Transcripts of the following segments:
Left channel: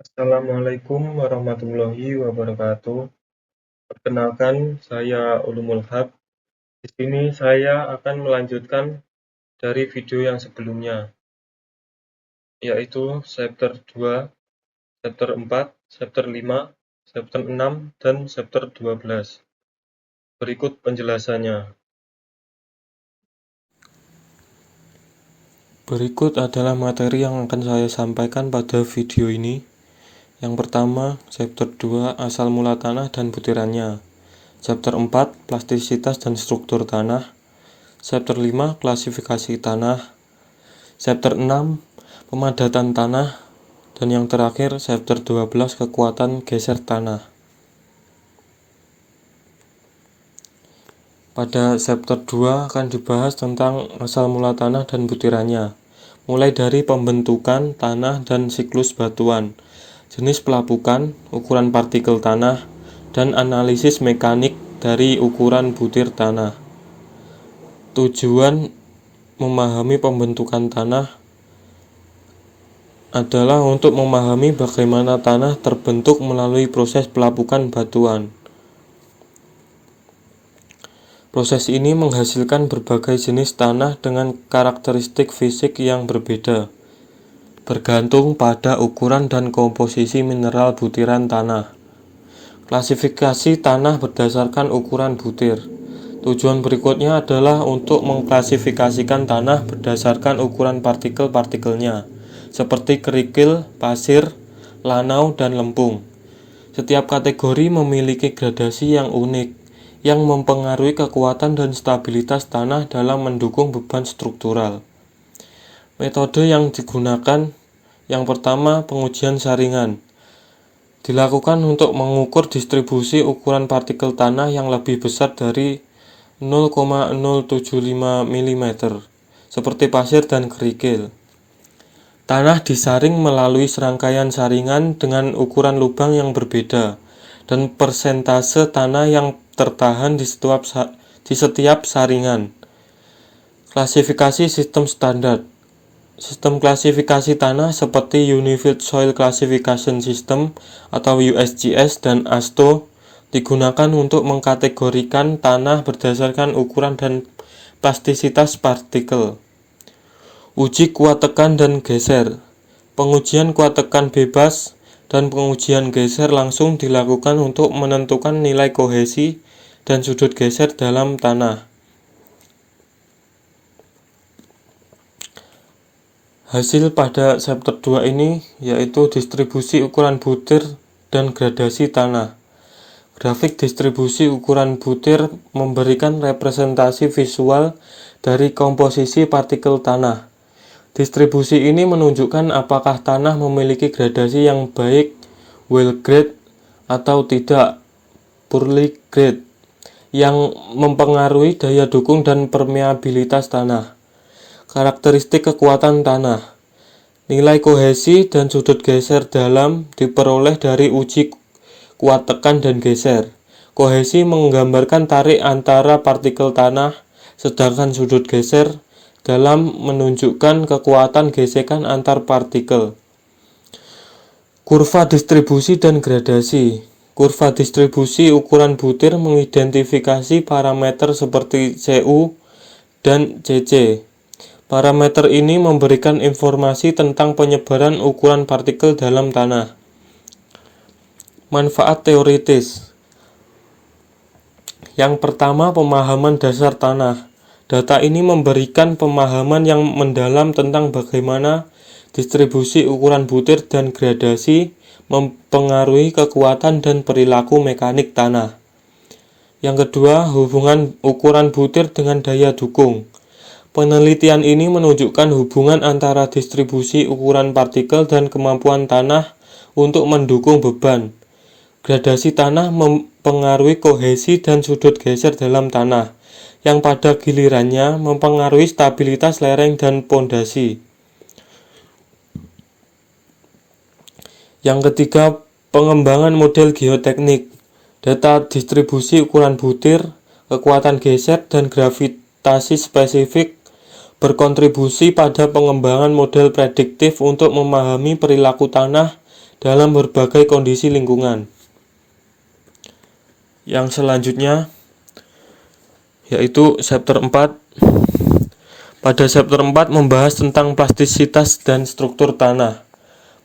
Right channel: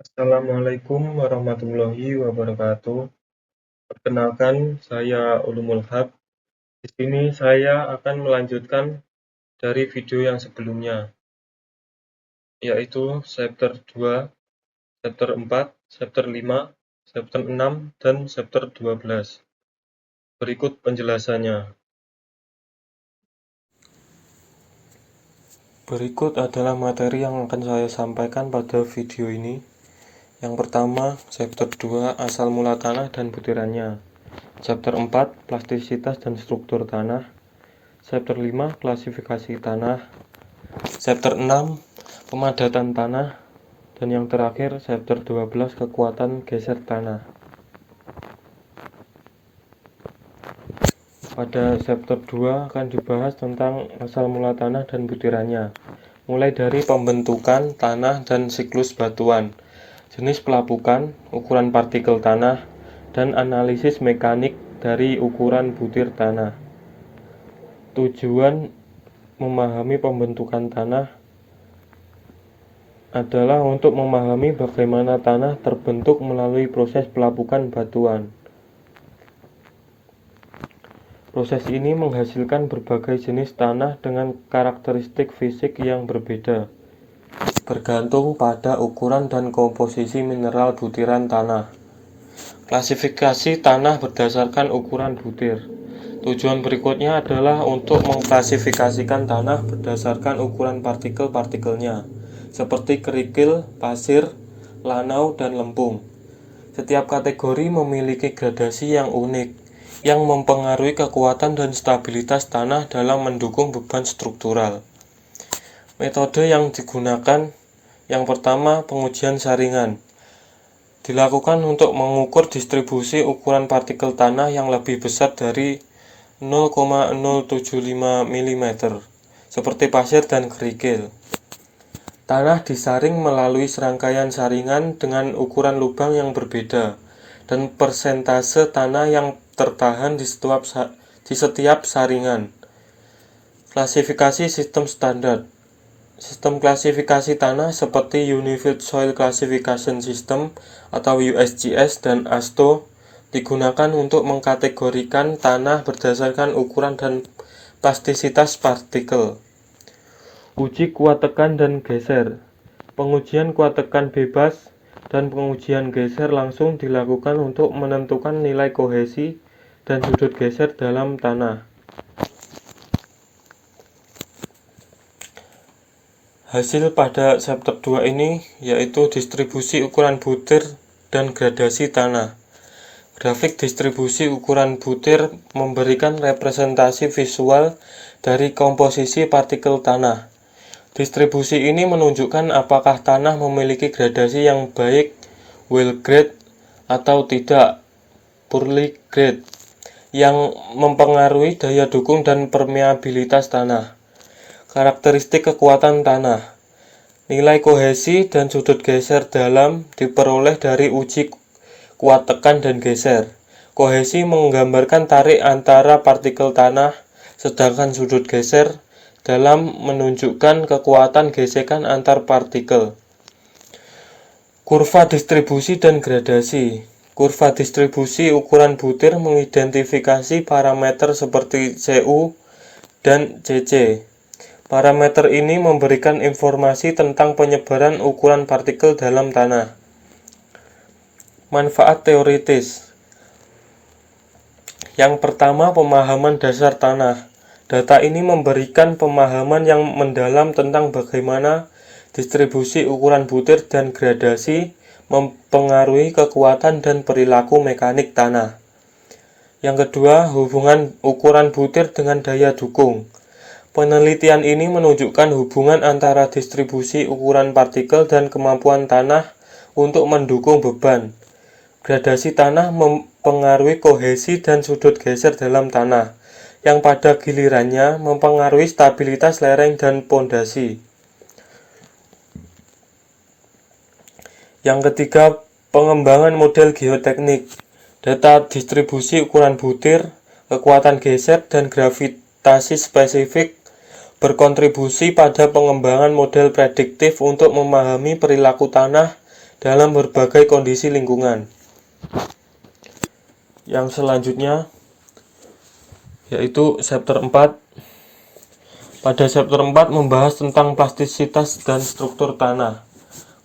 Assalamualaikum warahmatullahi wabarakatuh. Perkenalkan, saya Ulumul Haq. Di sini saya akan melanjutkan dari video yang sebelumnya, yaitu chapter 2, chapter 4, chapter 5, chapter 6, dan chapter 12. Berikut penjelasannya. Berikut adalah materi yang akan saya sampaikan pada video ini. Yang pertama, chapter 2, asal mula tanah dan butirannya. Chapter 4, plastisitas dan struktur tanah. Chapter 5, klasifikasi tanah. Chapter 6, pemadatan tanah. Dan yang terakhir, chapter 12, kekuatan geser tanah. Pada chapter 2 akan dibahas tentang asal mula tanah dan butirannya, mulai dari pembentukan tanah dan siklus batuan, jenis pelapukan, ukuran partikel tanah, dan analisis mekanik dari ukuran butir tanah. Tujuan memahami pembentukan tanah adalah untuk memahami bagaimana tanah terbentuk melalui proses pelapukan batuan. Proses ini menghasilkan berbagai jenis tanah dengan karakteristik fisik yang berbeda, bergantung pada ukuran dan komposisi mineral butiran tanah. Klasifikasi tanah berdasarkan ukuran butir. Tujuan berikutnya adalah untuk mengklasifikasikan tanah berdasarkan ukuran partikel-partikelnya, seperti kerikil, pasir, lanau, dan lempung. Setiap kategori memiliki gradasi yang unik, yang mempengaruhi kekuatan dan stabilitas tanah dalam mendukung beban struktural. Metode yang digunakan, yang pertama, pengujian saringan. Dilakukan untuk mengukur distribusi ukuran partikel tanah yang lebih besar dari 0,075 mm, seperti pasir dan kerikil. Tanah disaring melalui serangkaian saringan dengan ukuran lubang yang berbeda dan persentase tanah yang tertahan di setiap saringan. Klasifikasi sistem standar. Sistem klasifikasi tanah seperti Unified Soil Classification System atau USGS dan ASTO digunakan untuk mengkategorikan tanah berdasarkan ukuran dan plastisitas partikel. Uji kuat tekan dan geser. Pengujian kuat tekan bebas dan pengujian geser langsung dilakukan untuk menentukan nilai kohesi dan sudut geser dalam tanah. Hasil pada chapter 2 ini yaitu distribusi ukuran butir dan gradasi tanah. Grafik distribusi ukuran butir memberikan representasi visual dari komposisi partikel tanah. Distribusi ini menunjukkan apakah tanah memiliki gradasi yang baik, well grade, atau tidak, poorly grade, yang mempengaruhi daya dukung dan permeabilitas tanah. Karakteristik kekuatan tanah. Nilai kohesi dan sudut geser dalam diperoleh dari uji kuat tekan dan geser. Kohesi menggambarkan tarik antara partikel tanah, sedangkan sudut geser dalam menunjukkan kekuatan gesekan antar partikel. Kurva distribusi dan gradasi. Kurva distribusi ukuran butir mengidentifikasi parameter seperti CU dan CC. Parameter ini memberikan informasi tentang penyebaran ukuran partikel dalam tanah. Manfaat teoritis. Yang pertama, pemahaman dasar tanah. Data ini memberikan pemahaman yang mendalam tentang bagaimana distribusi ukuran butir dan gradasi mempengaruhi kekuatan dan perilaku mekanik tanah. Yang kedua, hubungan ukuran butir dengan daya dukung. Penelitian ini menunjukkan hubungan antara distribusi ukuran partikel dan kemampuan tanah untuk mendukung beban. Gradasi tanah mempengaruhi kohesi dan sudut geser dalam tanah, yang pada gilirannya mempengaruhi stabilitas lereng dan pondasi. Yang ketiga, pengembangan model geoteknik. Data distribusi ukuran butir, kekuatan geser, dan gravitasi spesifik berkontribusi pada pengembangan model prediktif untuk memahami perilaku tanah dalam berbagai kondisi lingkungan. Yang selanjutnya yaitu chapter 4. Pada chapter 4 membahas tentang plastisitas dan struktur tanah.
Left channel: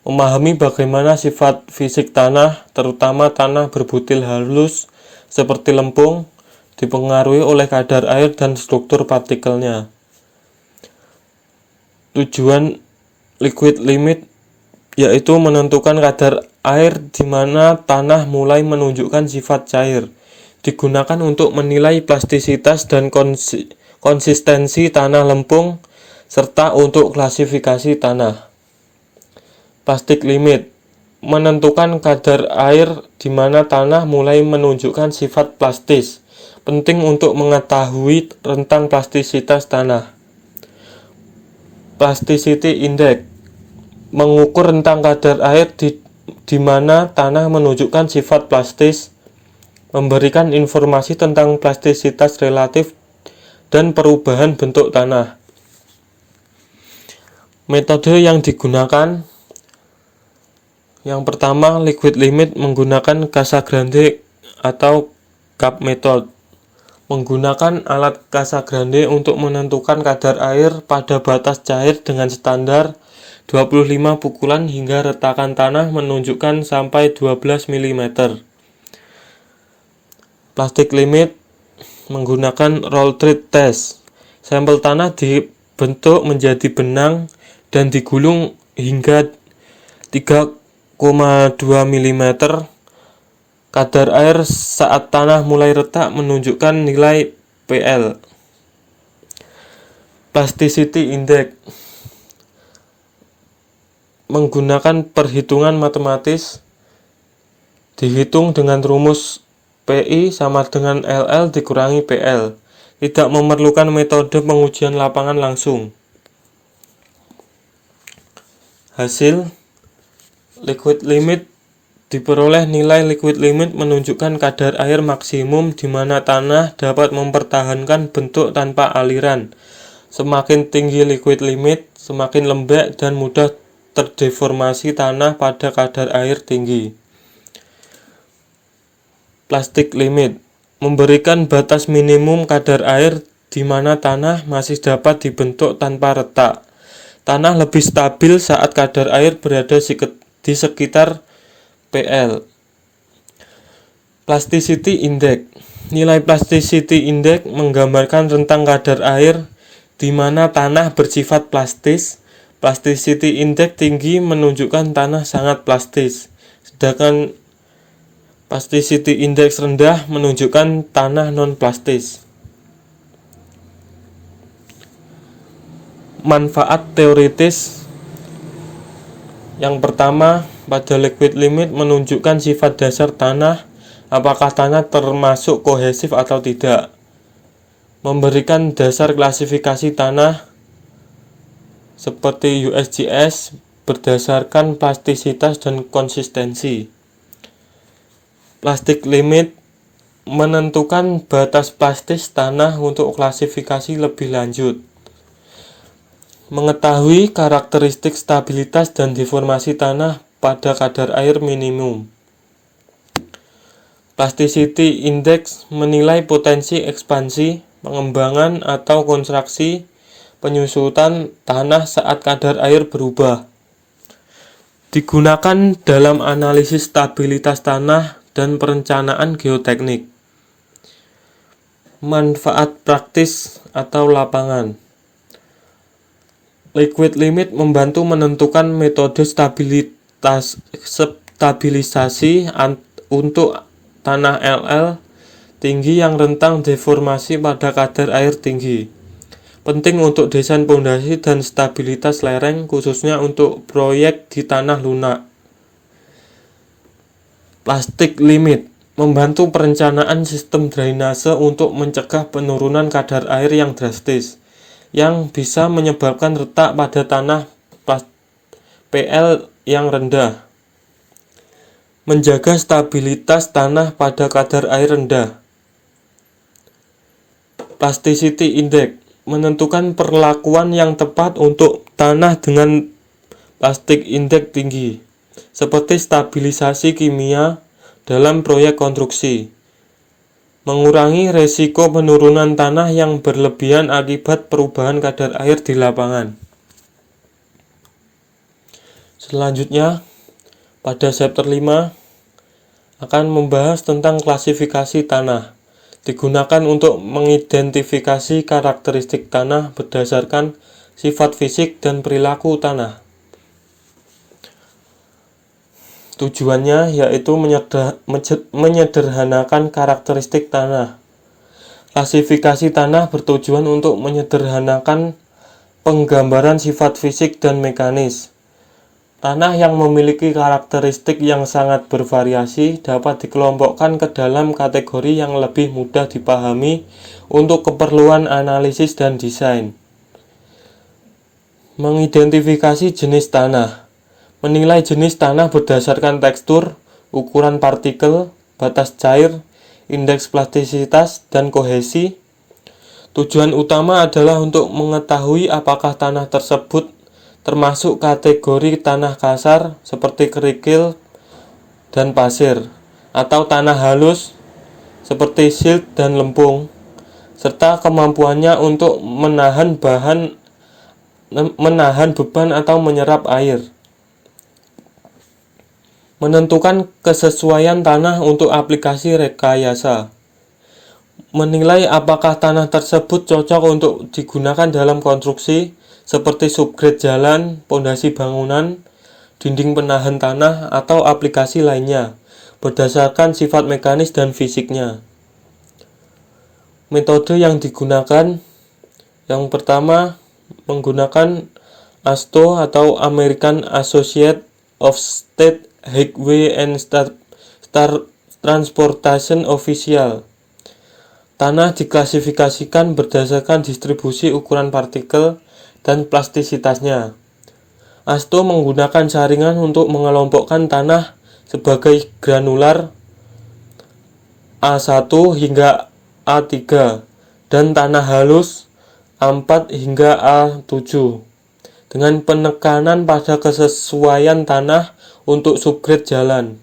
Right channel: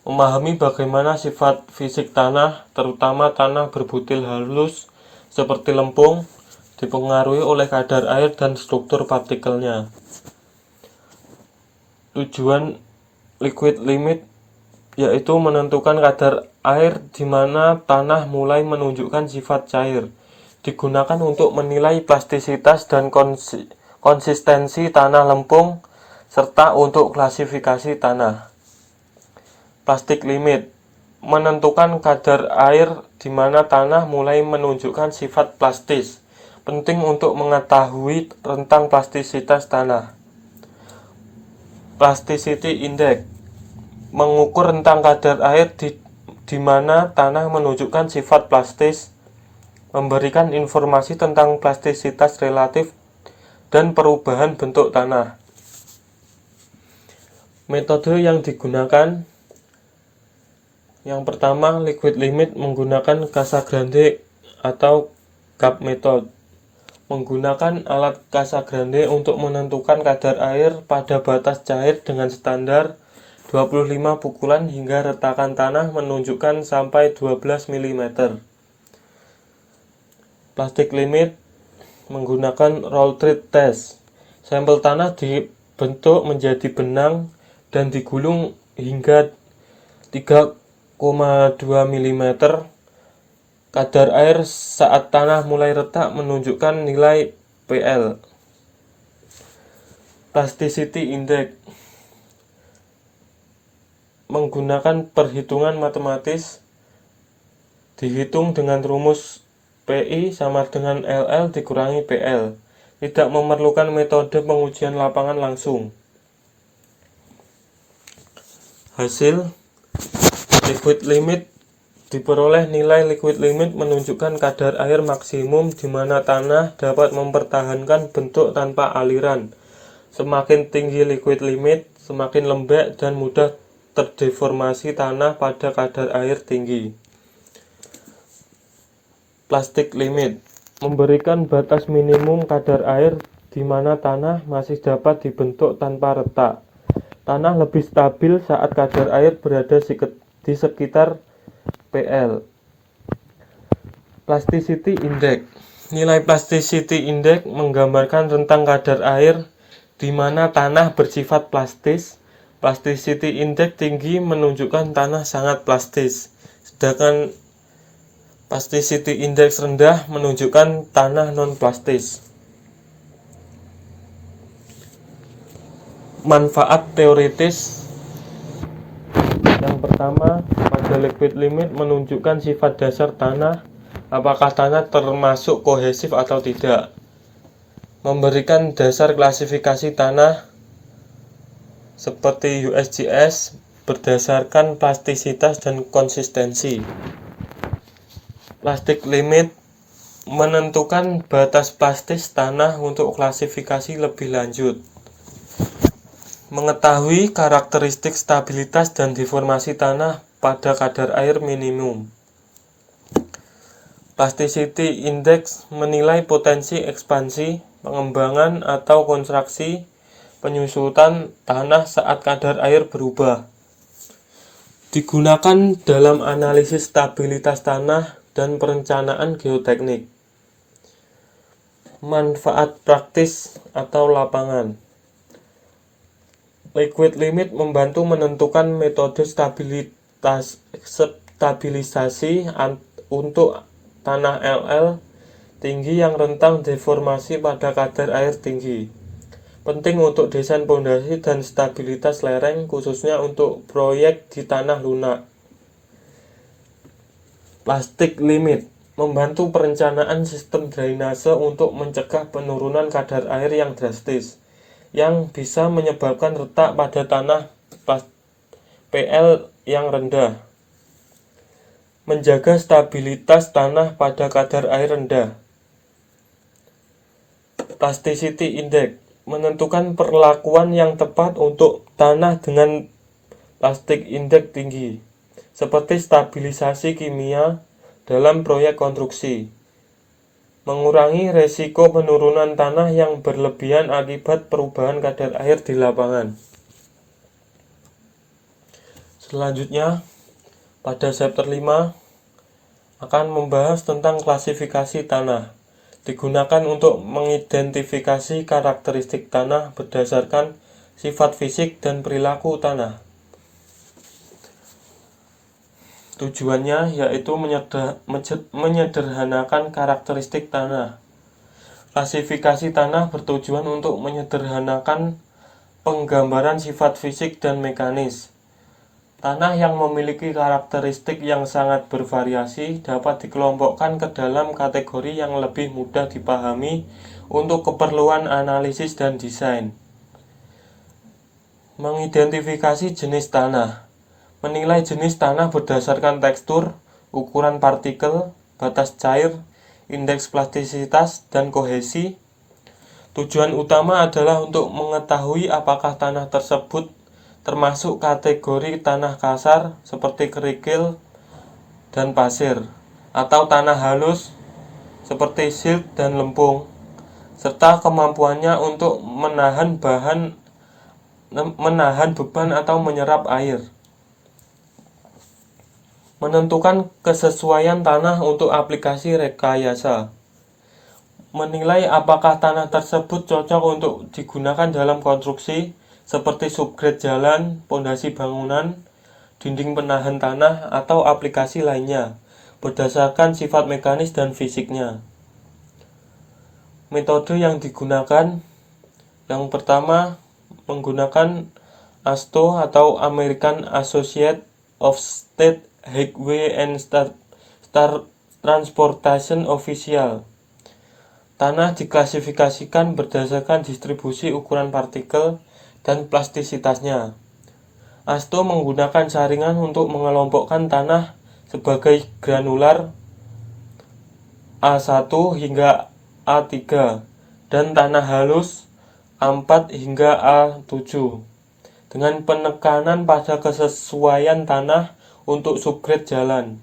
Memahami bagaimana sifat fisik tanah, terutama tanah berbutil halus seperti lempung, dipengaruhi oleh kadar air dan struktur partikelnya. Tujuan liquid limit yaitu menentukan kadar air di mana tanah mulai menunjukkan sifat cair. Digunakan untuk menilai plastisitas dan konsistensi tanah lempung serta untuk klasifikasi tanah. Plastic limit menentukan kadar air di mana tanah mulai menunjukkan sifat plastis. Penting untuk mengetahui rentang plastisitas tanah. Plasticity index mengukur rentang kadar air di mana tanah menunjukkan sifat plastis, memberikan informasi tentang plastisitas relatif dan perubahan bentuk tanah. Metode yang digunakan, yang pertama, liquid limit menggunakan Casagrande atau cup method. Menggunakan alat Casagrande untuk menentukan kadar air pada batas cair dengan standar 25 pukulan hingga retakan tanah menunjukkan sampai 12 mm. Plastic limit menggunakan roll treat test. Sampel tanah dibentuk menjadi benang dan digulung hingga 3,2 mm. Kadar air saat tanah mulai retak menunjukkan nilai PL. Plasticity index menggunakan perhitungan matematis, dihitung dengan rumus PI sama dengan LL dikurangi PL. Tidak memerlukan metode pengujian lapangan langsung. Hasil liquid limit diperoleh. Nilai liquid limit menunjukkan kadar air maksimum di mana tanah dapat mempertahankan bentuk tanpa aliran. Semakin tinggi liquid limit, semakin lembek dan mudah terdeformasi tanah pada kadar air tinggi. Plastic limit memberikan batas minimum kadar air di mana tanah masih dapat dibentuk tanpa retak. Tanah lebih stabil saat kadar air berada di sekitar PL. Plasticity index. Nilai plasticity index menggambarkan rentang kadar air di mana tanah bersifat plastis. Plasticity index tinggi menunjukkan tanah sangat plastis, sedangkan plasticity index rendah menunjukkan tanah non-plastis. Manfaat teoritis. Yang pertama, pada liquid limit menunjukkan sifat dasar tanah, apakah tanah termasuk kohesif atau tidak. Memberikan dasar klasifikasi tanah seperti USGS berdasarkan plastisitas dan konsistensi. Plastic limit menentukan batas plastis tanah untuk klasifikasi lebih lanjut. Mengetahui karakteristik stabilitas dan deformasi tanah pada kadar air minimum. Plasticity index menilai potensi ekspansi, pengembangan atau kontraksi, penyusutan tanah saat kadar air berubah. Digunakan dalam analisis stabilitas tanah dan perencanaan geoteknik. Manfaat praktis atau lapangan. Liquid limit membantu menentukan metode stabilisasi untuk tanah LL tinggi yang rentang deformasi pada kadar air tinggi. Penting untuk desain pondasi dan stabilitas lereng, khususnya untuk proyek di tanah lunak. Plastic limit membantu perencanaan sistem drainase untuk mencegah penurunan kadar air yang drastis, yang bisa menyebabkan retak pada tanah PL yang rendah. Menjaga stabilitas tanah pada kadar air rendah. Plasticity index menentukan perlakuan yang tepat untuk tanah dengan plastic index tinggi. seperti stabilisasi kimia dalam proyek konstruksi, mengurangi resiko penurunan tanah yang berlebihan akibat perubahan kadar air di lapangan. Selanjutnya, pada chapter 5 akan membahas tentang klasifikasi tanah, digunakan untuk mengidentifikasi karakteristik tanah berdasarkan sifat fisik dan perilaku tanah. Tujuannya yaitu menyederhanakan karakteristik tanah. Klasifikasi tanah bertujuan untuk menyederhanakan penggambaran sifat fisik dan mekanis. Tanah yang memiliki karakteristik yang sangat bervariasi dapat dikelompokkan ke dalam kategori yang lebih mudah dipahami untuk keperluan analisis dan desain. Mengidentifikasi jenis tanah. Menilai jenis tanah berdasarkan tekstur, ukuran partikel, batas cair, indeks plastisitas, dan kohesi. Tujuan utama adalah untuk mengetahui apakah tanah tersebut termasuk kategori tanah kasar seperti kerikil dan pasir, atau tanah halus seperti silt dan lempung, serta kemampuannya untuk menahan beban atau menyerap air. Menentukan kesesuaian tanah untuk aplikasi rekayasa. Menilai apakah tanah tersebut cocok untuk digunakan dalam konstruksi seperti subgrade jalan, pondasi bangunan, dinding penahan tanah, atau aplikasi lainnya berdasarkan sifat mekanis dan fisiknya. Metode yang digunakan, yang pertama menggunakan AASHTO atau American Association of State Highway and Transportation Official. Tanah diklasifikasikan berdasarkan distribusi ukuran partikel dan plastisitasnya. AASHTO menggunakan saringan untuk mengelompokkan tanah sebagai granular A1 hingga A3 dan tanah halus A4 hingga A7 dengan penekanan pada kesesuaian tanah untuk subgrade jalan.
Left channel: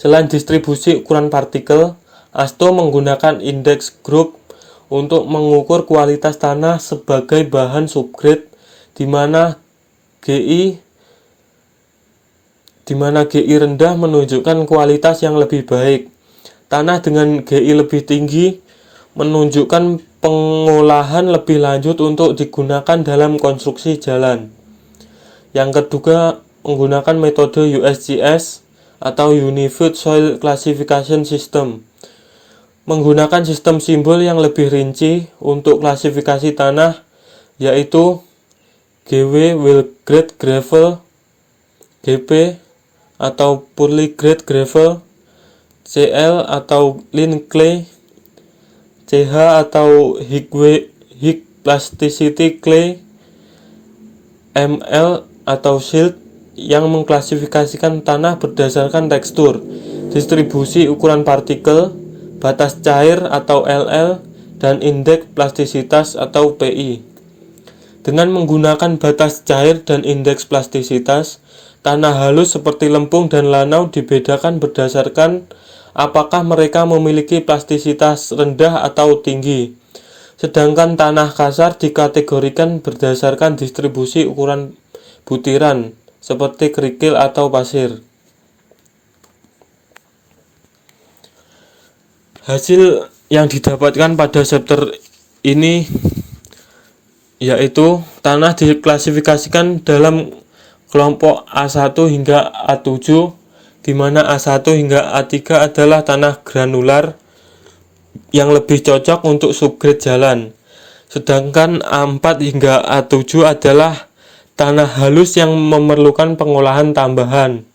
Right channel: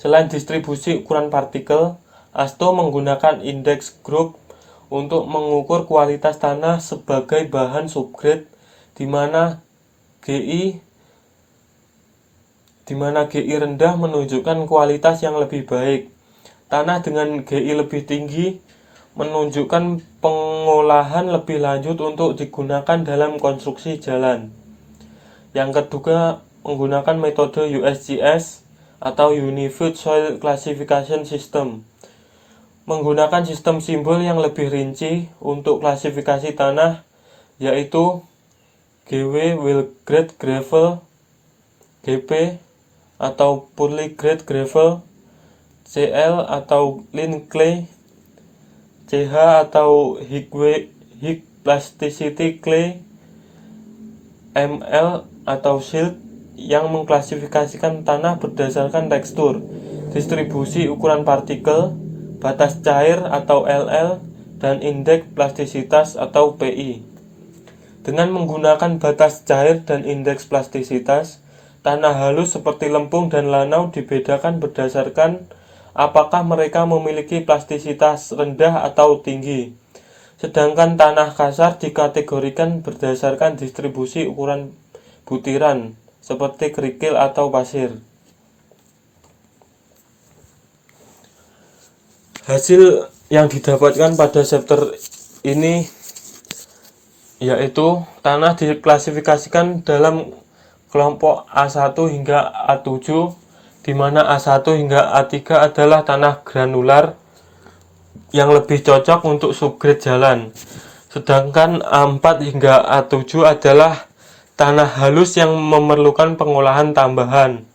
Selain distribusi ukuran partikel, AASHTO menggunakan indeks group untuk mengukur kualitas tanah sebagai bahan subgrade di mana GI rendah menunjukkan kualitas yang lebih baik. Tanah dengan GI lebih tinggi menunjukkan pengolahan lebih lanjut untuk digunakan dalam konstruksi jalan. Yang kedua, menggunakan metode USGS atau Unified Soil Classification System. Menggunakan sistem simbol yang lebih rinci untuk klasifikasi tanah, yaitu GW Well Grade Gravel, GP atau Poorly Grade Gravel, CL atau Lean Clay, CH atau High Plasticity Clay, ML atau Silt, yang mengklasifikasikan tanah berdasarkan tekstur, distribusi ukuran partikel, batas cair atau LL, dan indeks plastisitas atau PI. Dengan menggunakan batas cair dan indeks plastisitas, tanah halus seperti lempung dan lanau dibedakan berdasarkan apakah mereka memiliki plastisitas rendah atau tinggi. Sedangkan tanah kasar dikategorikan berdasarkan distribusi ukuran butiran seperti kerikil atau pasir. Hasil yang didapatkan pada chapter ini yaitu tanah diklasifikasikan dalam kelompok A1 hingga A7, di mana A1 hingga A3 adalah tanah granular yang lebih cocok untuk subgrade jalan. Sedangkan A4 hingga A7 adalah tanah halus yang memerlukan pengolahan tambahan.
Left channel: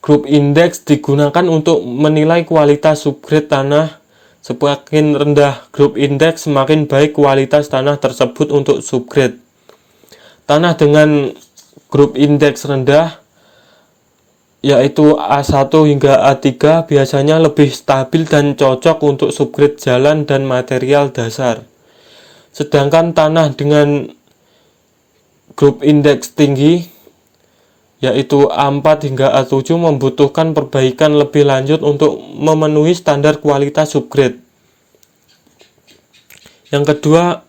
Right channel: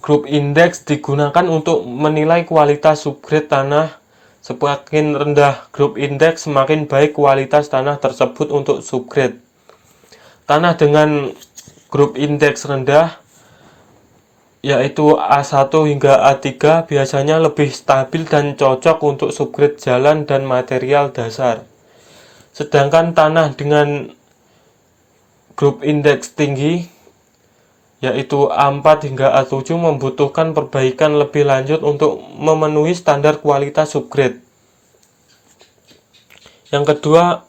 Group index digunakan untuk menilai kualitas subgrade tanah. Semakin rendah group index, semakin baik kualitas tanah tersebut untuk subgrade. Tanah dengan group index rendah, yaitu A1 hingga A3, biasanya lebih stabil dan cocok untuk subgrade jalan dan material dasar. Sedangkan tanah dengan group index tinggi, yaitu A4 hingga A7, membutuhkan perbaikan lebih lanjut untuk memenuhi standar kualitas subgrade. Yang kedua,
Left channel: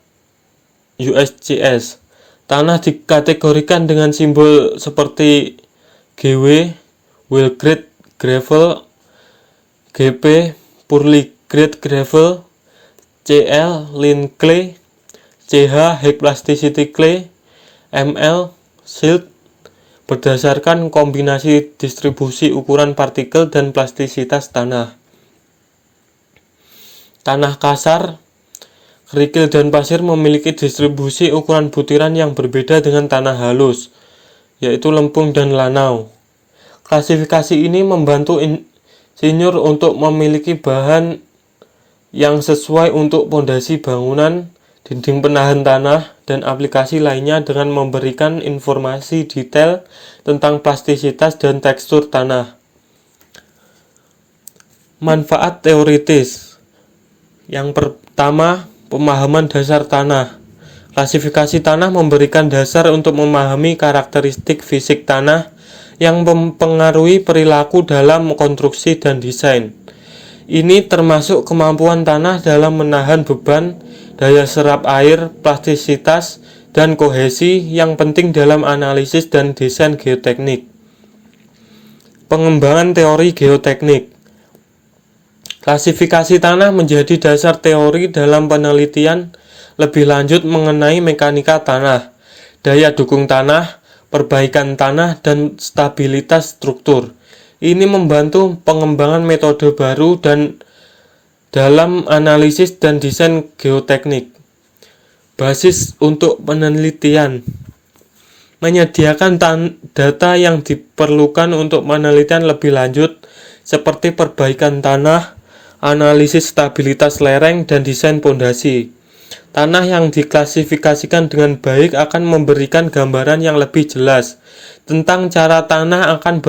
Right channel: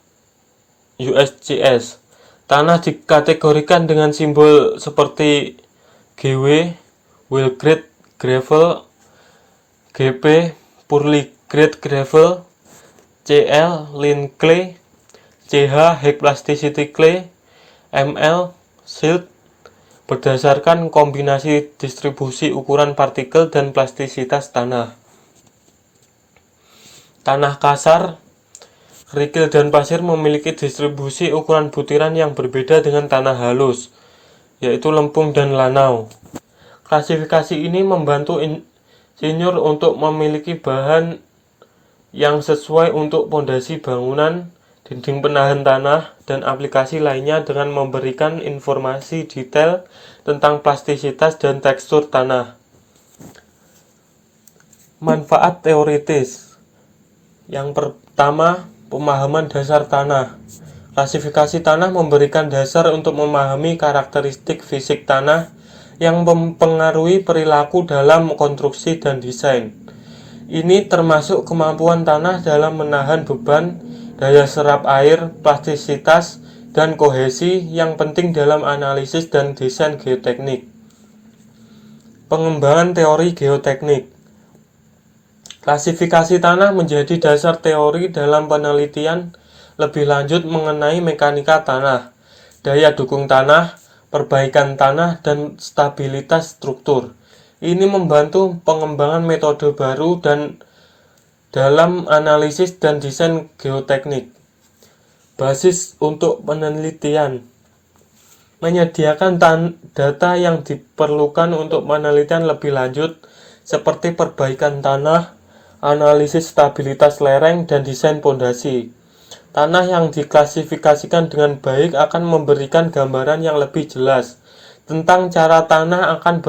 USCS. Tanah dikategorikan dengan simbol seperti GW, well grade gravel, GP, poorly grade gravel, CL, lean clay, CH, high plasticity clay, ML, silt, berdasarkan kombinasi distribusi ukuran partikel dan plastisitas tanah. Tanah kasar, kerikil dan pasir memiliki distribusi ukuran butiran yang berbeda dengan tanah halus, yaitu lempung dan lanau. Klasifikasi ini membantu insinyur untuk memiliki bahan yang sesuai untuk pondasi bangunan, dinding penahan tanah, dan aplikasi lainnya dengan memberikan informasi detail tentang plastisitas dan tekstur tanah. Manfaat teoritis. Yang pertama, pemahaman dasar tanah. Klasifikasi tanah memberikan dasar untuk memahami karakteristik fisik tanah yang mempengaruhi perilaku dalam konstruksi dan desain. Ini termasuk kemampuan tanah dalam menahan beban, daya serap air, plastisitas, dan kohesi yang penting dalam analisis dan desain geoteknik. Pengembangan teori geoteknik. Klasifikasi tanah menjadi dasar teori dalam penelitian lebih lanjut mengenai mekanika tanah, daya dukung tanah, perbaikan tanah, dan stabilitas struktur. Ini membantu pengembangan metode baru dan dalam analisis dan desain geoteknik. Basis untuk penelitian. Menyediakan data yang diperlukan untuk penelitian lebih lanjut seperti perbaikan tanah, analisis stabilitas lereng, dan desain pondasi. Tanah yang diklasifikasikan dengan baik akan memberikan gambaran yang lebih jelas tentang cara tanah akan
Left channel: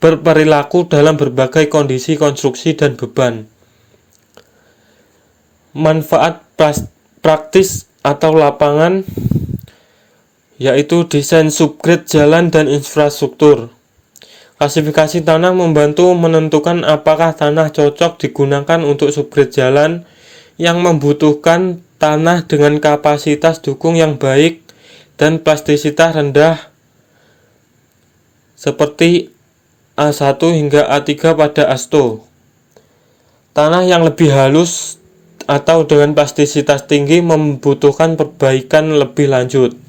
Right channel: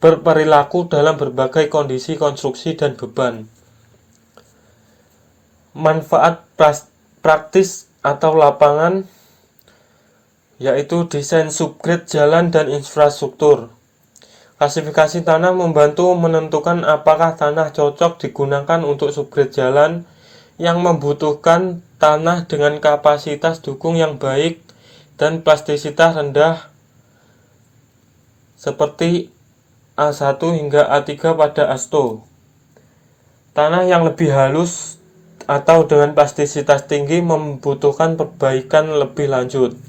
berperilaku dalam berbagai kondisi konstruksi dan beban. Manfaat praktis atau lapangan, yaitu desain subgrade jalan dan infrastruktur. Klasifikasi tanah membantu menentukan apakah tanah cocok digunakan untuk subgrade jalan yang membutuhkan tanah dengan kapasitas dukung yang baik dan plastisitas rendah seperti A1 hingga A3 pada ASTO. Tanah yang lebih halus atau dengan plastisitas tinggi membutuhkan perbaikan lebih lanjut.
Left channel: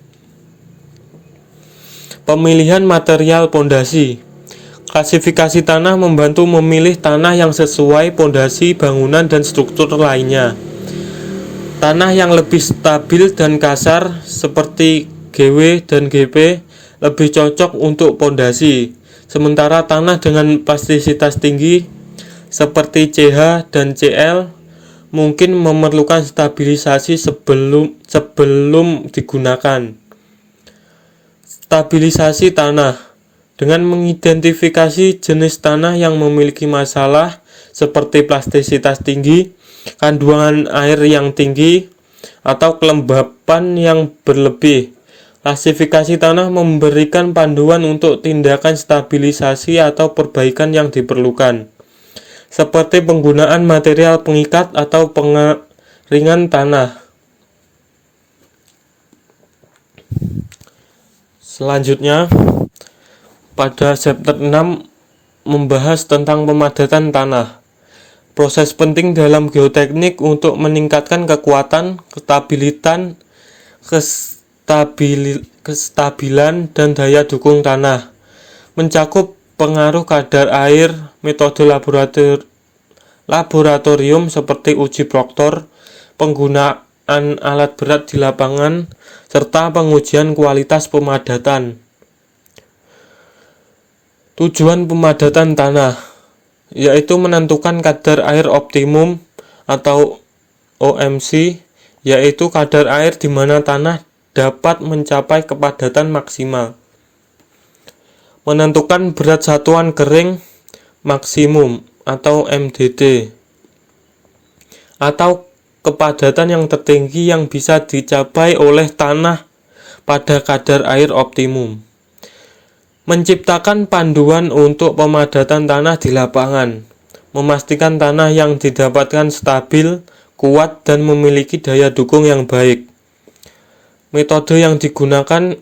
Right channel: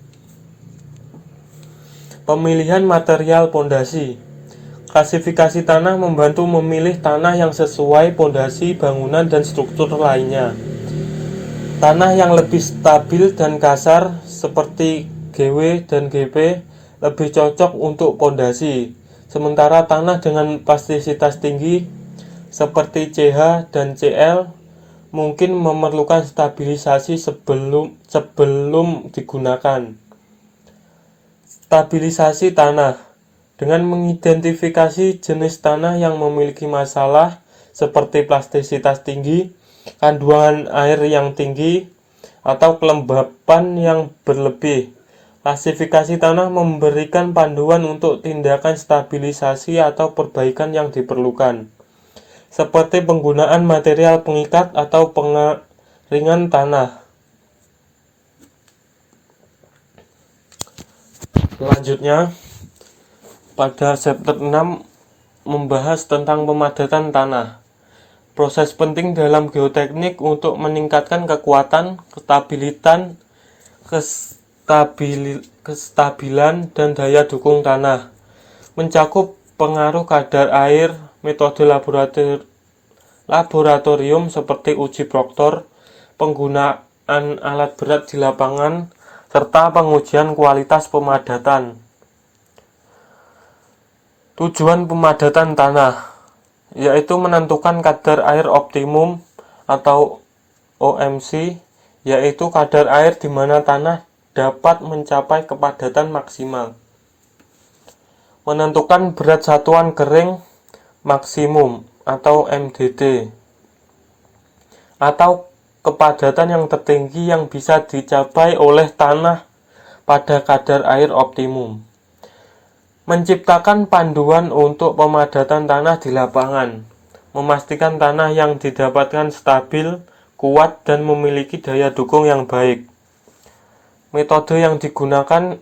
Pemilihan material pondasi. Klasifikasi tanah membantu memilih tanah yang sesuai pondasi bangunan dan struktur lainnya. Tanah yang lebih stabil dan kasar seperti GW dan GP lebih cocok untuk pondasi, sementara tanah dengan plastisitas tinggi seperti CH dan CL mungkin memerlukan stabilisasi sebelum digunakan. Stabilisasi tanah. Dengan mengidentifikasi jenis tanah yang memiliki masalah seperti plastisitas tinggi, kandungan air yang tinggi, atau kelembapan yang berlebih, klasifikasi tanah memberikan panduan untuk tindakan stabilisasi atau perbaikan yang diperlukan, seperti penggunaan material pengikat atau pengeringan tanah. Selanjutnya, pada chapter 6 membahas tentang pemadatan tanah. Proses penting dalam geoteknik untuk meningkatkan kekuatan, kestabilan, dan daya dukung tanah. Mencakup pengaruh kadar air, metode laboratorium seperti uji proktor, penggunaan alat berat di lapangan, serta pengujian kualitas pemadatan. Tujuan pemadatan tanah yaitu menentukan kadar air optimum atau OMC, yaitu kadar air di mana tanah dapat mencapai kepadatan maksimal. Menentukan berat satuan kering maksimum atau MDD, atau kepadatan yang tertinggi yang bisa dicapai oleh tanah pada kadar air optimum. Menciptakan panduan untuk pemadatan tanah di lapangan, memastikan tanah yang didapatkan stabil, kuat, dan memiliki daya dukung yang baik. Metode yang digunakan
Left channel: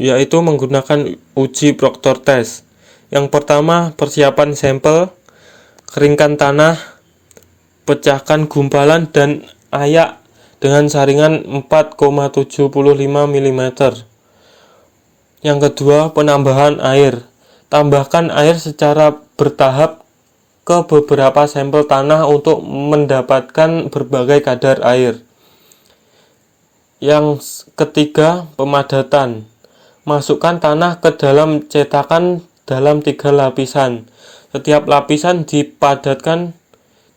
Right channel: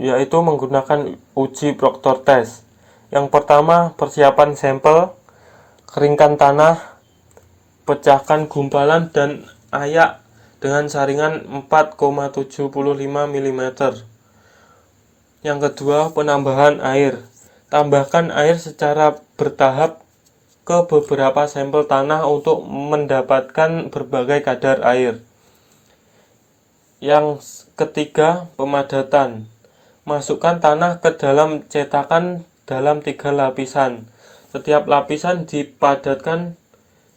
yaitu menggunakan uji Proctor test. Yang pertama, persiapan sampel, keringkan tanah, pecahkan gumpalan dan ayak dengan saringan 4,75 mm. Yang kedua, penambahan air. Tambahkan air secara bertahap ke beberapa sampel tanah untuk mendapatkan berbagai kadar air. Yang ketiga, pemadatan. Masukkan tanah ke dalam cetakan dalam 3 lapisan. Setiap lapisan dipadatkan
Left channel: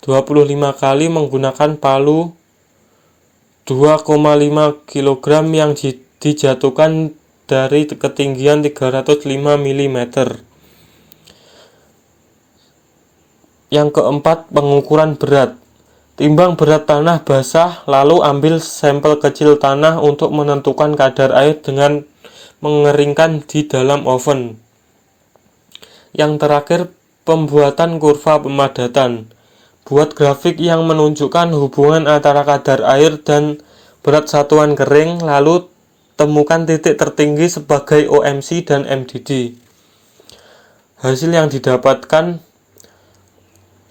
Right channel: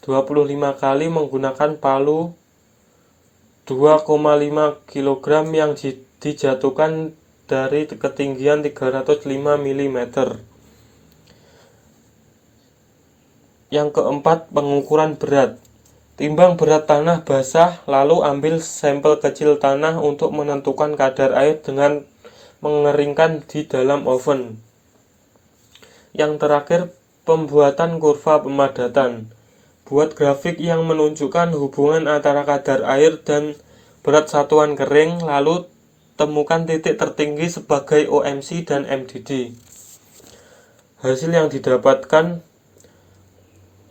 25 kali menggunakan palu 2,5 kg yang dijatuhkan dari ketinggian 305 mm. Yang keempat, pengukuran berat. Timbang berat tanah basah, lalu ambil sampel kecil tanah untuk menentukan kadar air dengan mengeringkan di dalam oven. Yang terakhir, pembuatan kurva pemadatan. Buat grafik yang menunjukkan hubungan antara kadar air dan berat satuan kering, lalu temukan titik tertinggi sebagai OMC dan MDD. Hasil yang didapatkan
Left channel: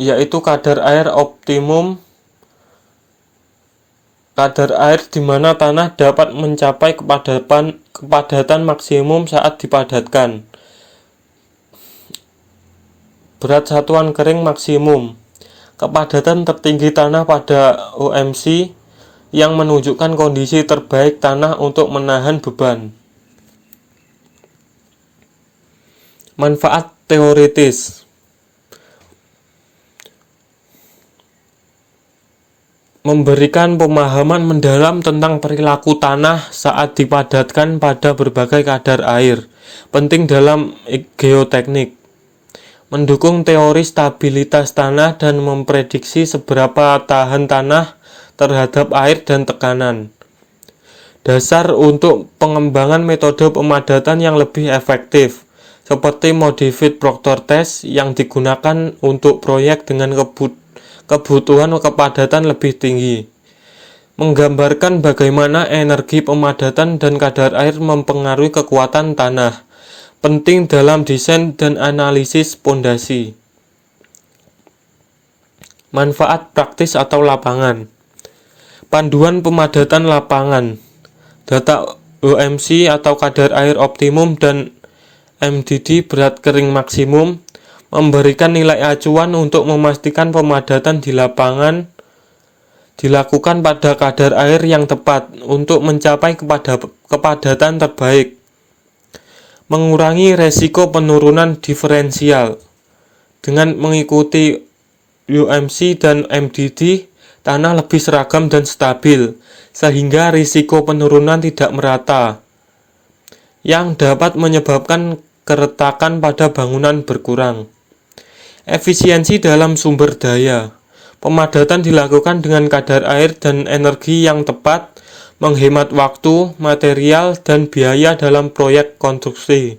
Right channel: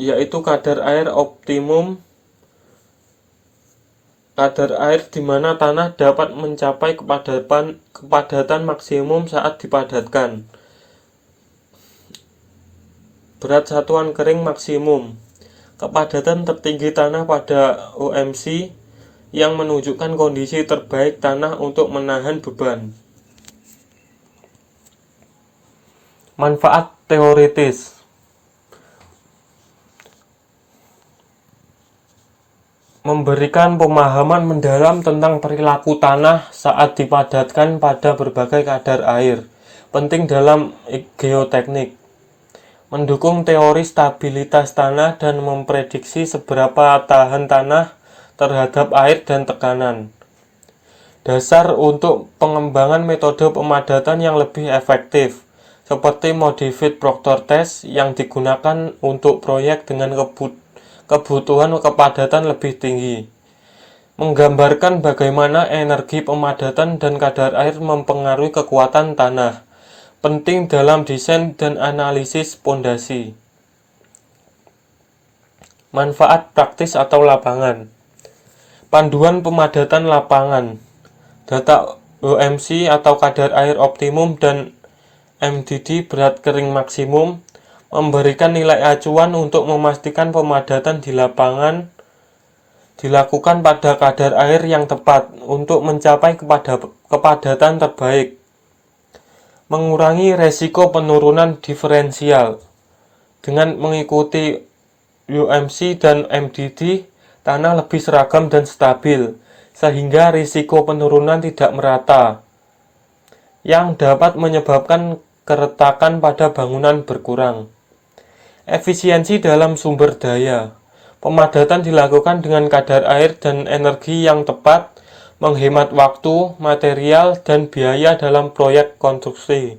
yaitu kadar air optimum, kadar air di mana tanah dapat mencapai kepadatan maksimum saat dipadatkan. Berat satuan kering maksimum, kepadatan tertinggi tanah pada OMC yang menunjukkan kondisi terbaik tanah untuk menahan beban. Manfaat teoritis. Memberikan pemahaman mendalam tentang perilaku tanah saat dipadatkan pada berbagai kadar air, penting dalam geoteknik. Mendukung teori stabilitas tanah dan memprediksi seberapa tahan tanah terhadap air dan tekanan. Dasar untuk pengembangan metode pemadatan yang lebih efektif, seperti modified Proctor test yang digunakan untuk proyek dengan kebutuhan kepadatan lebih tinggi. Menggambarkan bagaimana energi pemadatan dan kadar air mempengaruhi kekuatan tanah, penting dalam desain dan analisis pondasi. Manfaat praktis atau lapangan. Panduan pemadatan lapangan. Data OMC atau kadar air optimum dan MDD berat kering maksimum memberikan nilai acuan untuk memastikan pemadatan di lapangan dilakukan pada kadar air yang tepat untuk mencapai kepadatan terbaik. Mengurangi resiko penurunan diferensial. Dengan mengikuti UMC dan MDD, tanah lebih seragam dan stabil, sehingga risiko penurunan tidak merata, yang dapat menyebabkan keretakan pada bangunan berkurang. Efisiensi dalam sumber daya. Pemadatan dilakukan dengan kadar air dan energi yang tepat, menghemat waktu, material, dan biaya dalam proyek konstruksi.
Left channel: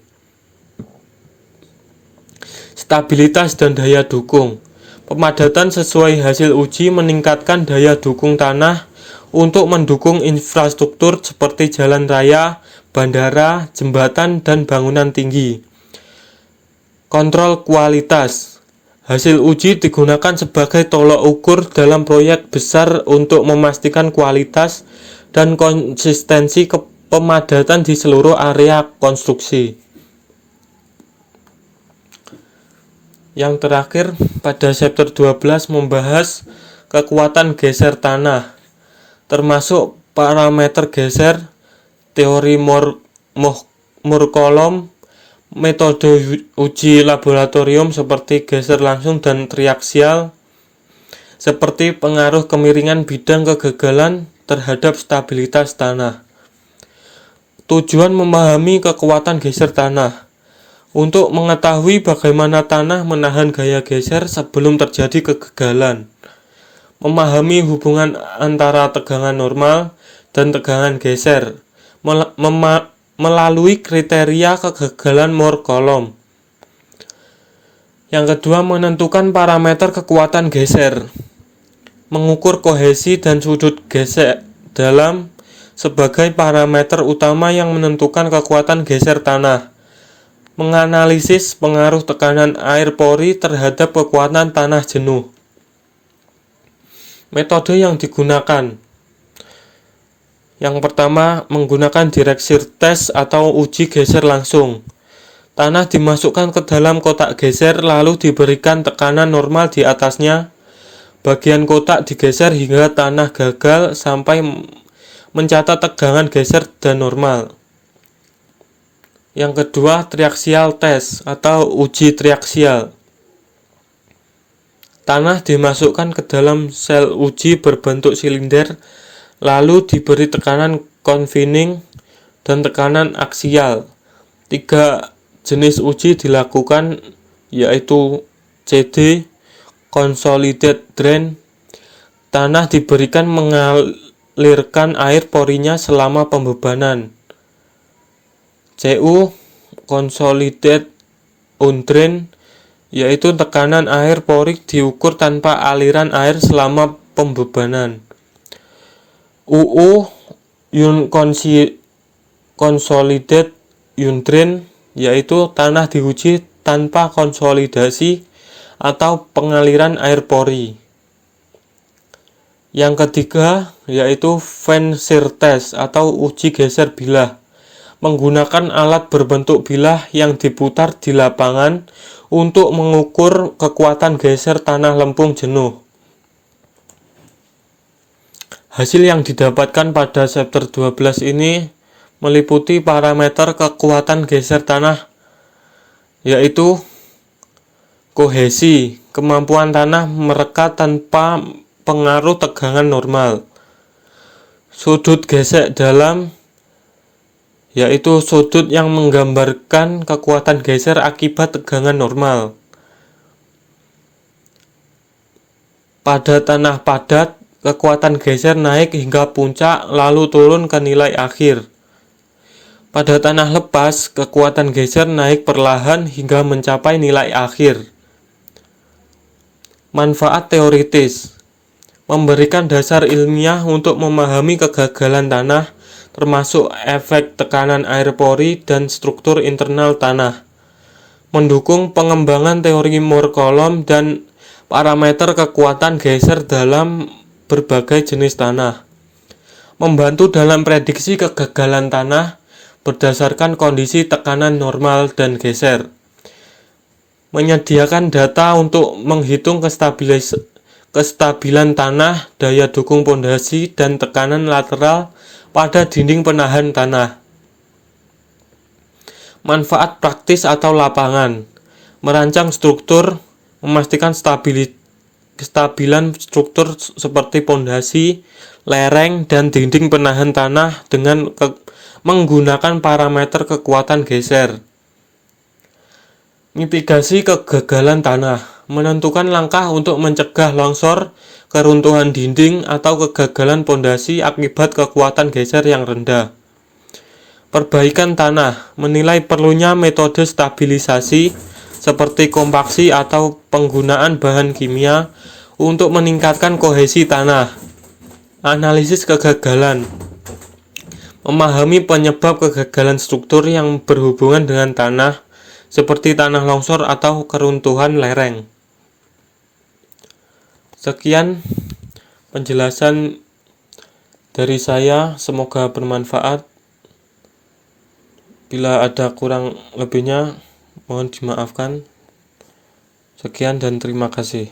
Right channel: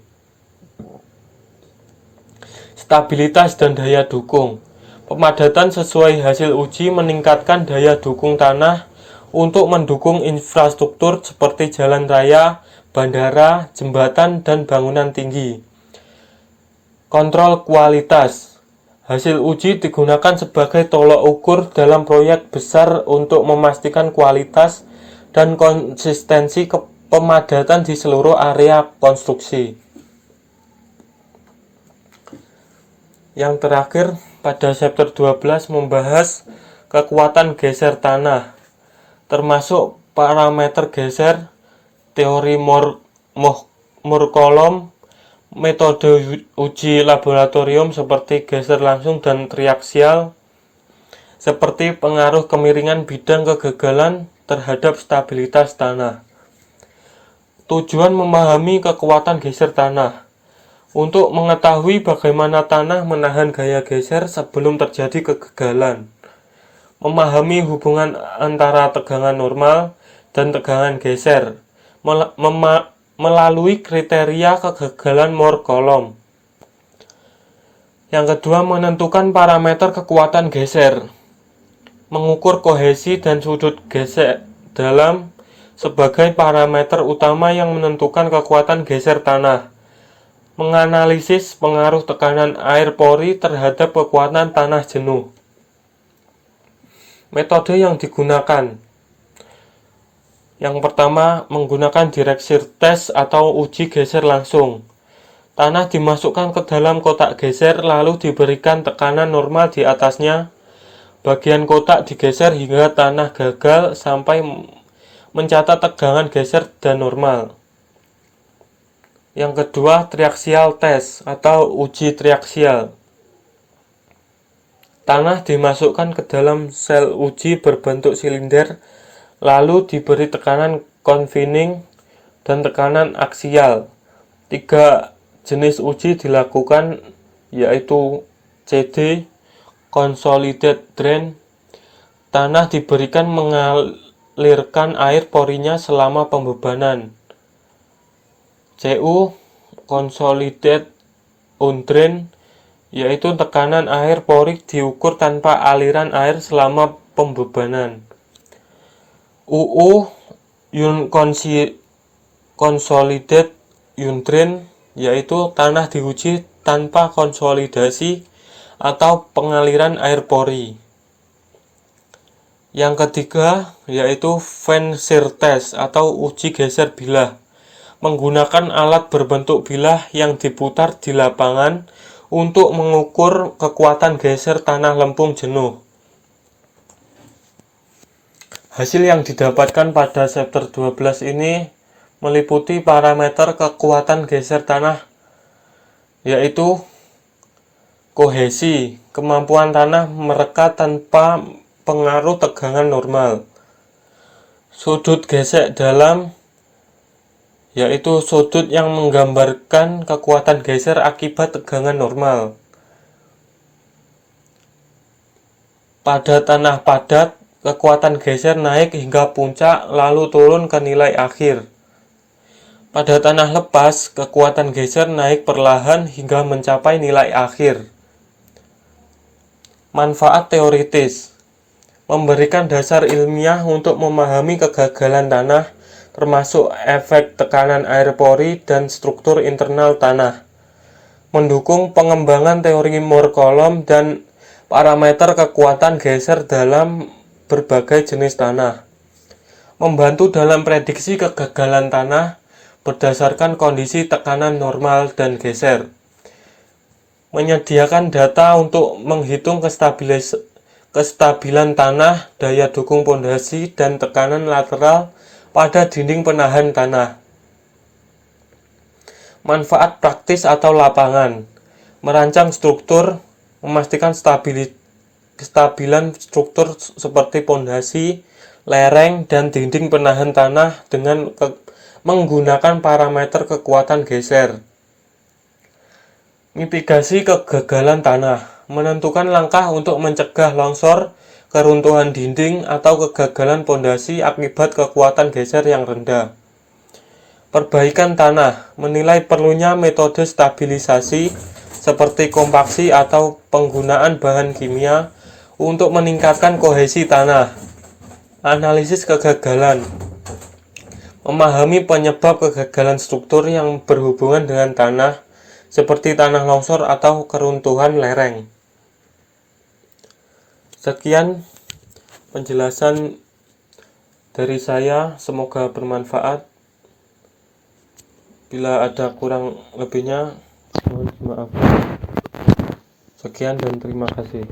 Stabilitas dan daya dukung. Pemadatan sesuai hasil uji meningkatkan daya dukung tanah untuk mendukung infrastruktur seperti jalan raya, bandara, jembatan, dan bangunan tinggi. Kontrol kualitas. Hasil uji digunakan sebagai tolok ukur dalam proyek besar untuk memastikan kualitas dan konsistensi pemadatan di seluruh area konstruksi. Yang terakhir, pada chapter 12 membahas kekuatan geser tanah, termasuk parameter geser, teori Moore-Coulomb, metode uji laboratorium seperti geser langsung dan triaksial, seperti pengaruh kemiringan bidang kegagalan terhadap stabilitas tanah. Tujuan memahami kekuatan geser tanah. Untuk mengetahui bagaimana tanah menahan gaya geser sebelum terjadi kegagalan. Memahami hubungan antara tegangan normal dan tegangan geser. melalui kriteria kegagalan Moore-Coulomb. Yang kedua, menentukan parameter kekuatan geser, mengukur kohesi dan sudut geser dalam sebagai parameter utama yang menentukan kekuatan geser tanah, menganalisis pengaruh tekanan air pori terhadap kekuatan tanah jenuh. Metode yang digunakan, yang pertama, menggunakan direct shear test atau uji geser langsung. Tanah dimasukkan ke dalam kotak geser lalu diberikan tekanan normal di atasnya. Bagian kotak digeser hingga tanah gagal sampai mencatat tegangan geser dan normal. Yang kedua, triaxial test atau uji triaxial. Tanah dimasukkan ke dalam sel uji berbentuk silinder lalu diberi tekanan confining dan tekanan aksial. 3 jenis uji dilakukan, yaitu CD, consolidated drain. Tanah diberikan mengalirkan air porinya selama pembebanan. CU, consolidated undrain, yaitu tekanan air pori diukur tanpa aliran air selama pembebanan. UU, consolidated undrain, yaitu tanah diuji tanpa konsolidasi atau pengaliran air pori. Yang ketiga, yaitu fan shear test atau uji geser bilah, menggunakan alat berbentuk bilah yang diputar di lapangan untuk mengukur kekuatan geser tanah lempung jenuh. Hasil yang didapatkan pada chapter 12 ini meliputi parameter kekuatan geser tanah, yaitu kohesi, kemampuan tanah mereka tanpa pengaruh tegangan normal. Sudut geser dalam, yaitu sudut yang menggambarkan kekuatan geser akibat tegangan normal. Pada tanah padat, kekuatan geser naik hingga puncak lalu turun ke nilai akhir. Pada tanah lepas, kekuatan geser naik perlahan hingga mencapai nilai akhir. Manfaat teoritis, memberikan dasar ilmiah untuk memahami kegagalan tanah, termasuk efek tekanan air pori dan struktur internal tanah. Mendukung pengembangan teori Moore-Coulomb dan parameter kekuatan geser dalam berbagai jenis tanah. Membantu dalam prediksi kegagalan tanah berdasarkan kondisi tekanan normal dan geser. Menyediakan data untuk menghitung kestabilan tanah, daya dukung pondasi, dan tekanan lateral pada dinding penahan tanah. Manfaat praktis atau lapangan, merancang struktur, memastikan kestabilan struktur seperti pondasi, lereng, dan dinding penahan tanah dengan menggunakan parameter kekuatan geser. Mitigasi kegagalan tanah, menentukan langkah untuk mencegah longsor, keruntuhan dinding, atau kegagalan pondasi akibat kekuatan geser yang rendah. Perbaikan tanah, menilai perlunya metode stabilisasi seperti kompaksi atau penggunaan bahan kimia untuk meningkatkan kohesi tanah. Analisis kegagalan, memahami penyebab kegagalan struktur yang berhubungan dengan tanah, seperti tanah longsor atau keruntuhan lereng. Sekian penjelasan dari saya, semoga bermanfaat. Bila ada kurang lebihnya, mohon dimaafkan. Sekian dan terima kasih.